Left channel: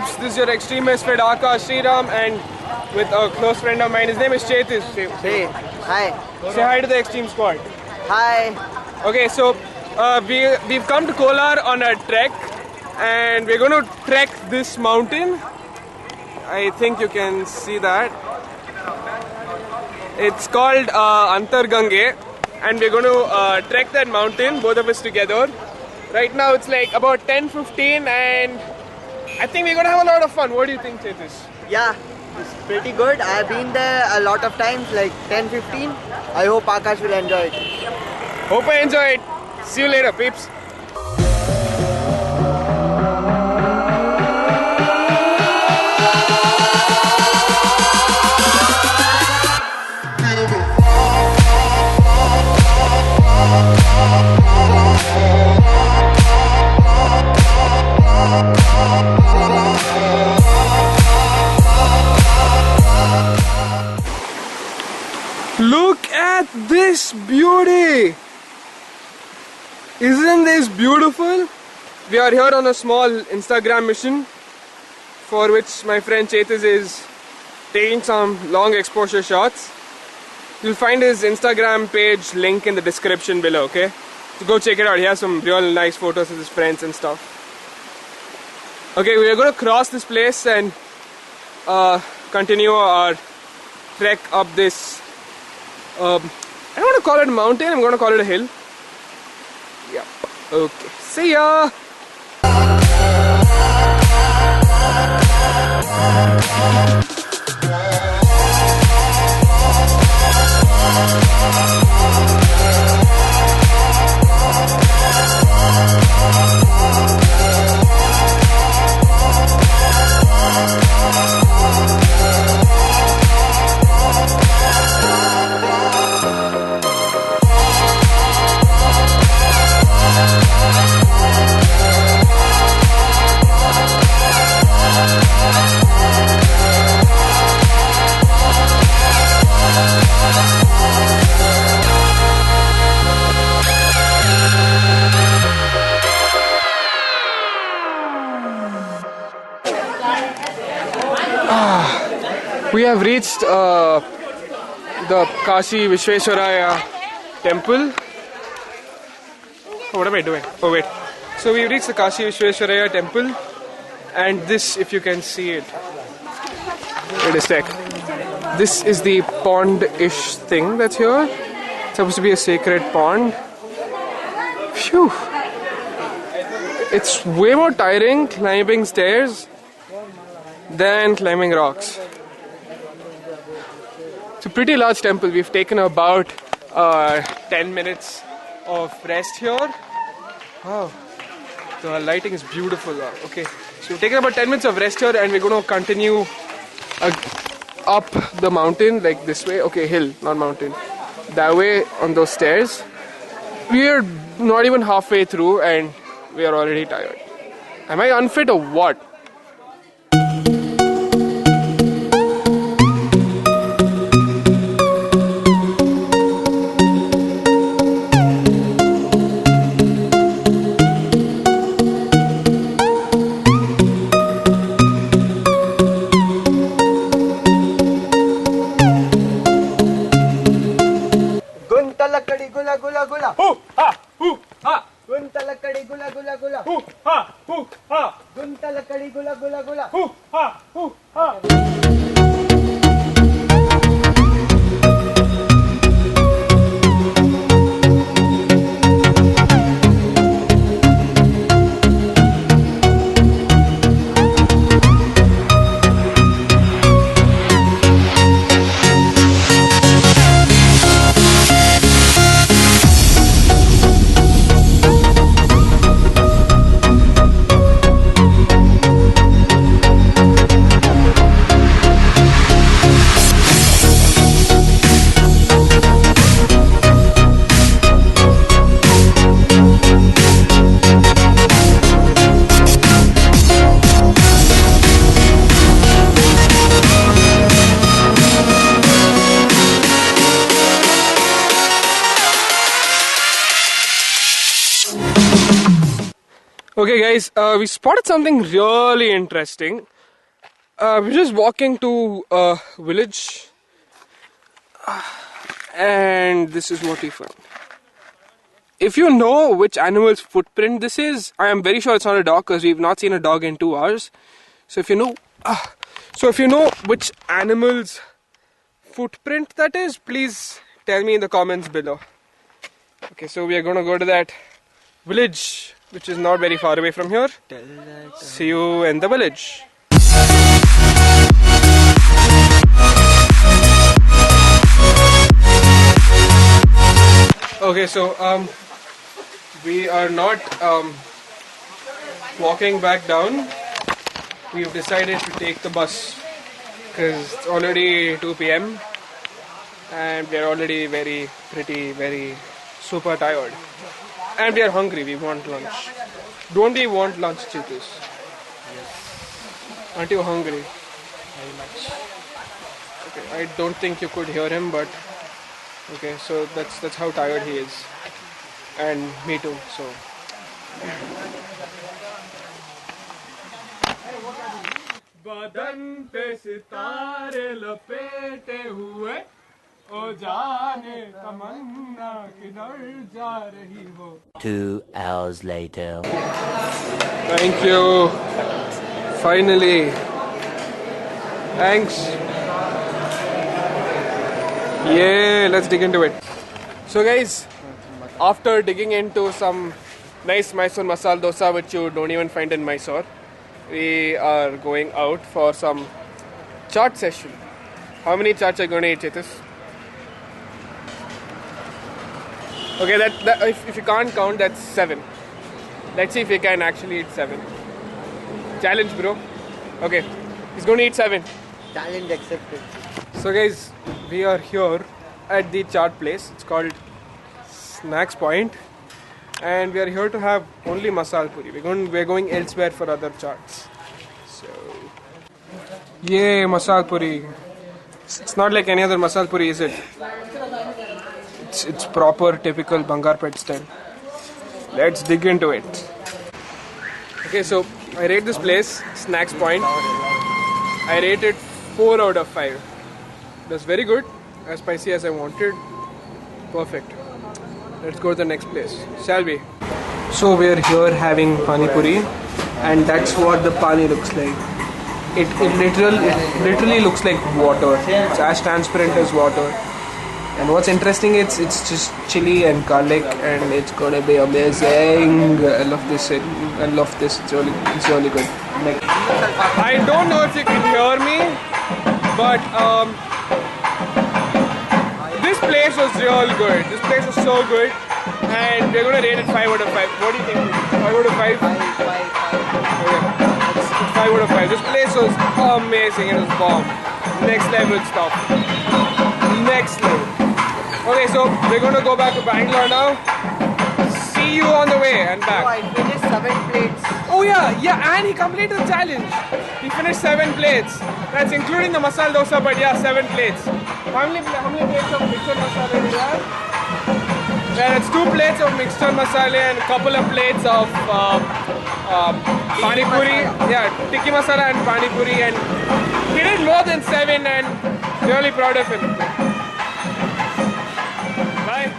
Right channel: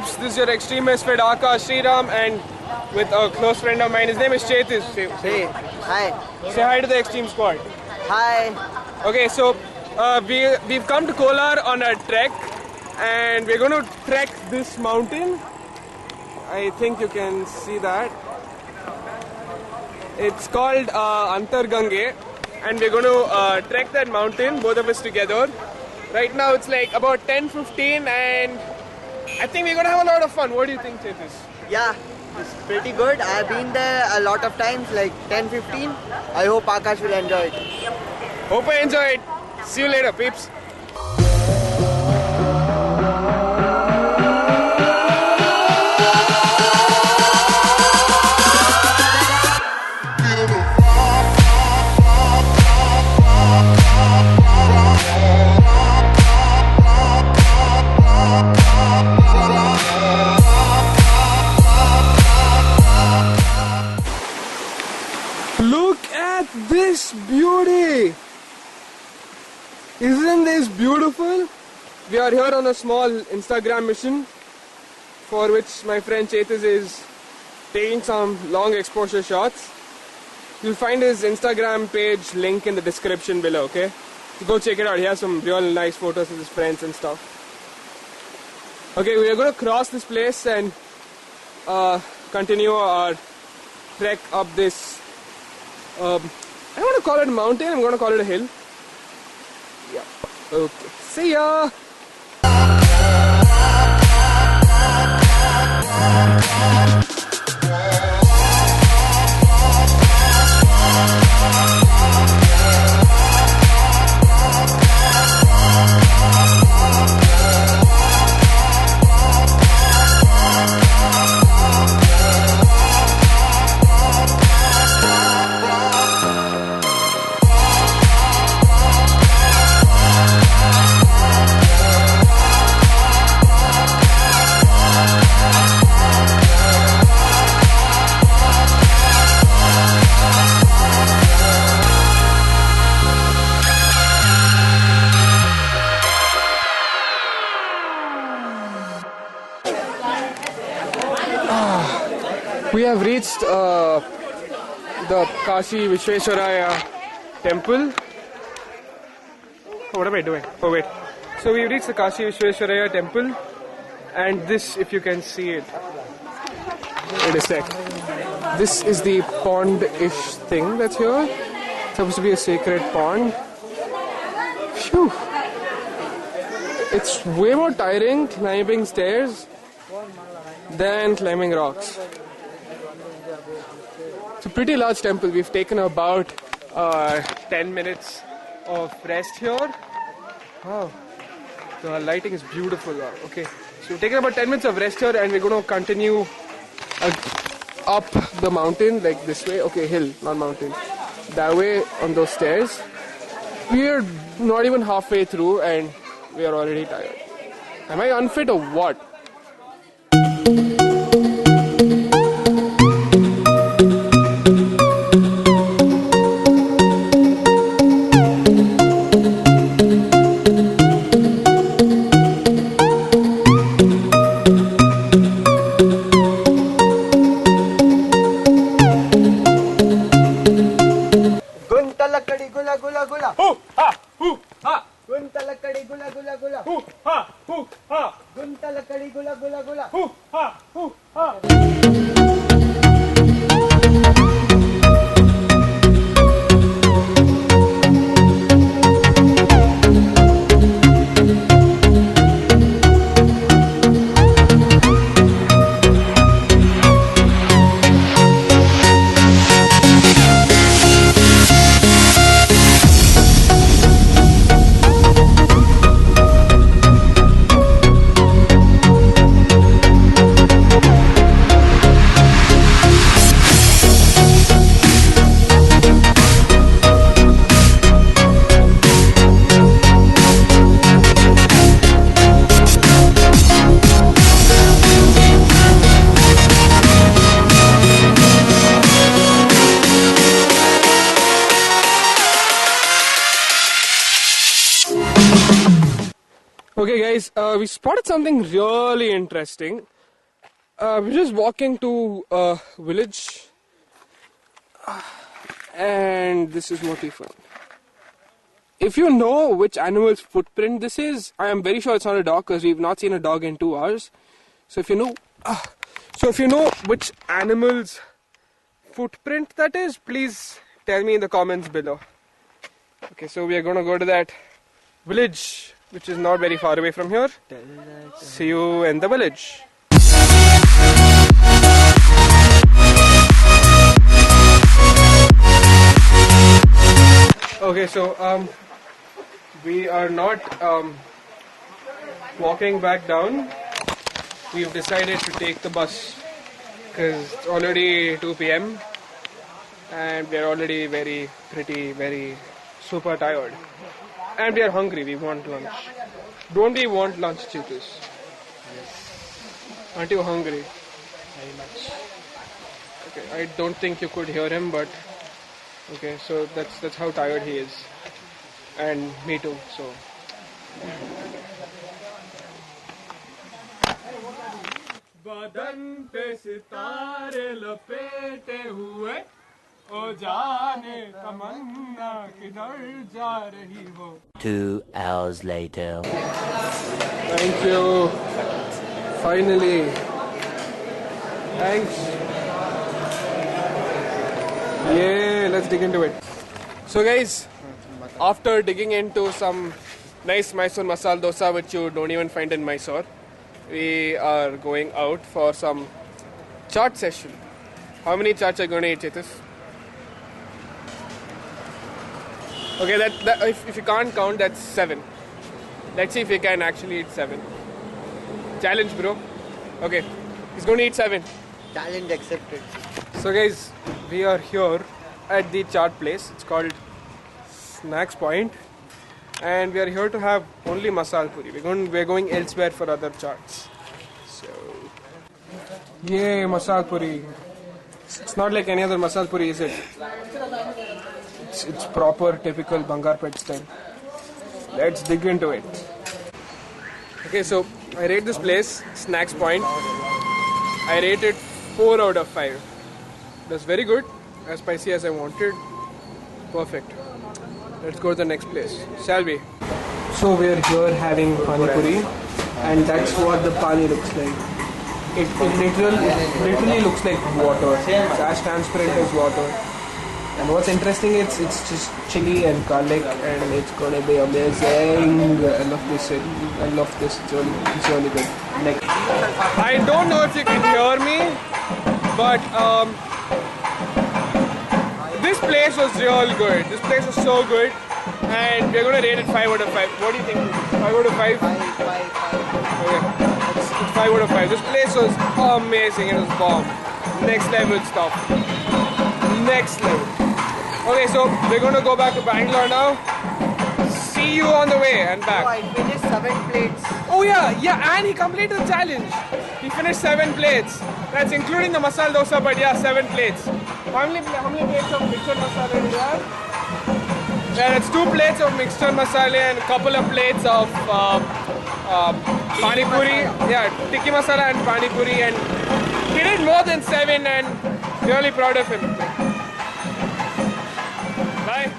peeps, this is your extreme misfit Akash Sriram and with a close friend of mine. His name is Chetis. Hey, hi. Say hi to the extreme squad. Hi. Okay, so we've come to Kolar on a trek and we're going to trek this mountain. I think you can see that. It's called Antargange and we're going to trek that mountain, both of us together. Right now it's like about 10:15 and I think we're going to have a lot of fun. What do you think, Chetis? Yeah, it's pretty good. I've been there a lot of times, like 10-15. I hope Akash will enjoy it. Hope I enjoy it. See you later, peeps. Look at this beauty! Isn't this beautiful? We are here on a small Instagram mission for which my friend Chetis is taking some long exposure shots. You'll find his Instagram page link in the description below, okay? So go check it out. He has some real nice photos of his friends and stuff. Okay, we are going to cross this place and continue our trek up this I don't want to call it a mountain, I'm going to call it a hill. Yep. Okay. See ya! We have reached the Kashi Vishveshwaraya temple. Oh, what am I doing? Oh wait. So we reached the Kashi Vishveshwaraya temple and this, if you can see it, wait a sec. This is the pond-ish thing that's here. It's supposed to be a sacred pond. Phew. It's way more tiring climbing stairs than climbing rocks. It's a pretty large temple. We've taken about 10 minutes of rest here. Wow, the lighting is beautiful. Okay, so we've taken about 10 minutes of rest here and we're going to continue up the mountain like this way. Okay, hill, not mountain. That way on those stairs. We're not even halfway through and we are already tired. Am I unfit or what? Okay guys, we spotted something really interesting. We're just walking to a village and this is what we found. If you know which animal's footprint this is, I am very sure it's not a dog because we've not seen a dog in 2 hours. So if you know which animal's footprint that is, please tell me in the comments below. Okay, so we are going to go to that village which is not very far away from here. See you in the village. Okay, so we are not walking back down. We've decided to take the bus because it's already 2 p.m. and we are already very super tired. And we are hungry, we want lunch. Don't we want lunch, Chetus? Yes. Aren't you hungry? Very much. Okay, I don't think you could hear him, but okay, so that's how tired he is. And me too, so. बदन पे सितारे लपेटे हुए ओ जाने तमन्ना किधर जा रही हो. 2 hours later. Thank you. Finally. Thanks. Yeah, let's dig into it. So guys, after digging into some nice Mysore masala dosa which you don't even find in Mysore, we are going out for some chaat session. How many chaats are you going to eat, Chetus? Okay, that if you can't count, that's 7. Let's see if we can actually eat 7. Challenge, bro. Okay, he's going to eat 7. Challenge accepted. So guys, we are here at the chaat place. It's called Snacks Point, and we are here to have only masala puri. We're going elsewhere for other chaats. So, yay, masala puri. It's not like any other masala puri, is it? It's proper, typical Bangarpet style. Let's dig into it. Okay, so I rate this place, Snacks Point. I rate it 4 out of 5. That's very good, as spicy as I wanted. Perfect. Let's go to the next place, shall we? So we're here having pani puri, and that's what the pani looks like. It literally looks like water. It's as transparent as water. And what's interesting, it's just chili and garlic, and it's gonna be amazing. I love this. It's really good. Next. I don't know if you can hear me, but this place was real good. This place was so good, and we're gonna rate it 5 out of 5. What do you think? 5 out of 5? 5. Okay, it's 5 out of 5. This place was amazing. It was bomb. Next level stuff. Next level. Okay, so we're gonna go back to Bangalore now. See you on the way and back. Oh, I finished 7 plates. Oh yeah, and he completed the challenge. He finished 7 plates. That's including the masala dosa, but yeah, 7 plates. How many plates of mixed masala do you have? Yeah, it's 2 plates of mixed masala and a couple of plates of pani puri. Yeah, tikki masala and pani puri, and he did more than 7, and really proud of him. Bye.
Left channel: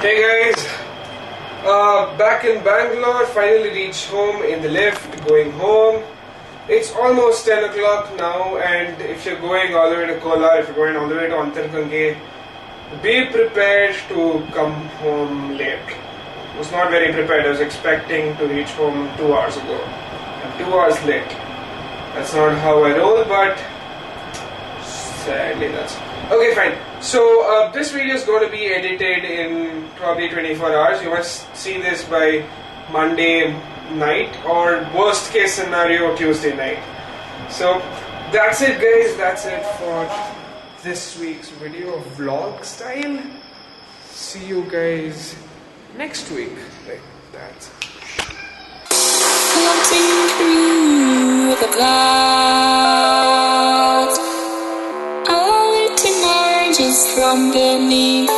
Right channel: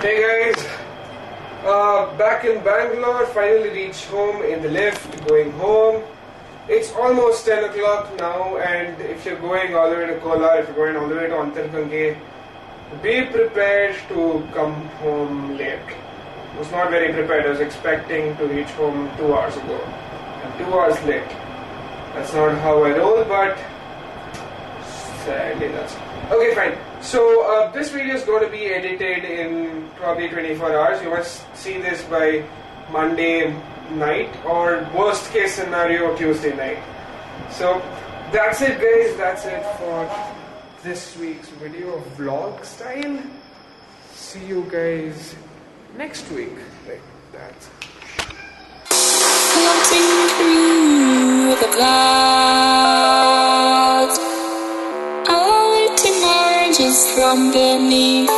Hey guys, back in Bangalore, finally reached home in the lift, going home. It's almost 10 o'clock now, and if you're going all the way to Kolar, if you're going all the way to Antargange, be prepared to come home late. I was not very prepared. I was expecting to reach home 2 hours ago. I'm 2 hours late. That's not how I roll, but sadly that's... Okay, fine. So this video is going to be edited in probably 24 hours. You must see this by Monday night, or worst case scenario Tuesday night. So that's it guys, that's it for this week's video, vlog style. See you guys next week. Like that. the clouds. I want to emerge from beneath.